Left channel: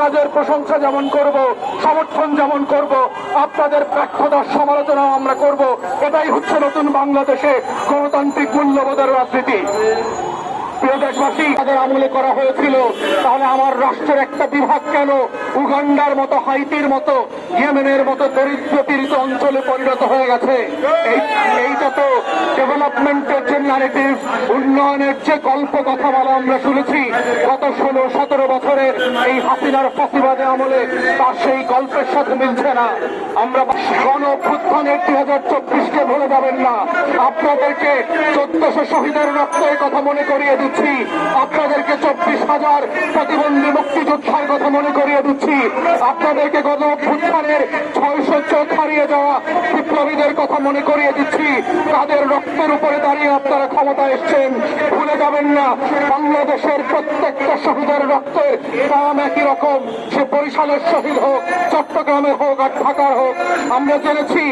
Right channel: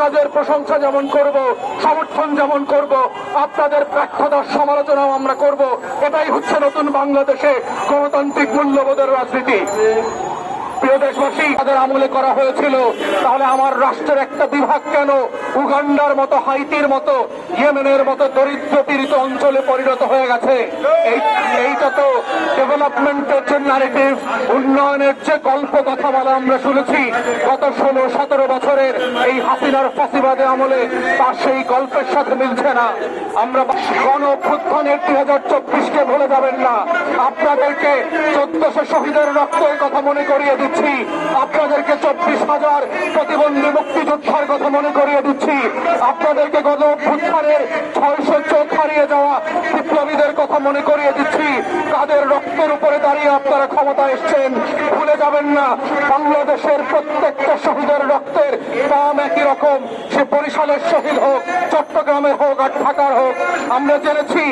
কাজের প্রশংসা যেমন করব, সমর্থন যেমন করব, আপনাদের ব্যর্থতার সমালোচনাও আমরা করব। এটাই হচ্ছে নতুন বাংলাদেশে গণতান্ত্রিক মূল্যবোধের রাজনীতি। প্রিয় দেশবাসী, তাদের আমলে করা হয়েছিল, তাহলে আমার রাষ্ট্রের একটা বিভাগ কেন উগান্ডার মতো, হাইতির মতো, ইয়েমেনের মতো দরিদ্র পীড়িত অঞ্চলে পরিণত হয়ে গেছে? এইটা তো ডেভেলপমেন্টের যে ন্যারেটিভ, উন্নয়নের যে গল্প কথা বলা আমরা শুনেছি গত 16-17 বছরের এই হাসিনার ফাঁসিবাদে আমলে, তার সেই গল্পের সাথে মিলছে না। আমরা গণ অভ্যুত্থানের 2024-কে ভুলে যাবেন না। আপনাদেরকে 1400 শহীদের রক্তের কথা মনে করিয়ে দিচ্ছি, আপনাদেরকে 24,000 প্রতিবন্ধী মুক্তিযোদ্ধার কথা মনে করিয়ে দিচ্ছি, আপনাদেরকে গণ অভ্যুত্থানের 600 চোখ হারিয়ে যাওয়া বিপ্লবীদের কথা মনে করিয়ে দিচ্ছি। তাদের রক্তের উপরে দাঁড়িয়ে আপনারা ক্ষমতা এসছেন, ভুলে যাবেন না। বাংলাদেশের প্রত্যেকটা শহীদের রক্তের দাম একই রকম, সে বরিশালের শহীদ হোক, চট্টগ্রামের হোক আর ঢাকার হোক। আমরা জেনেছি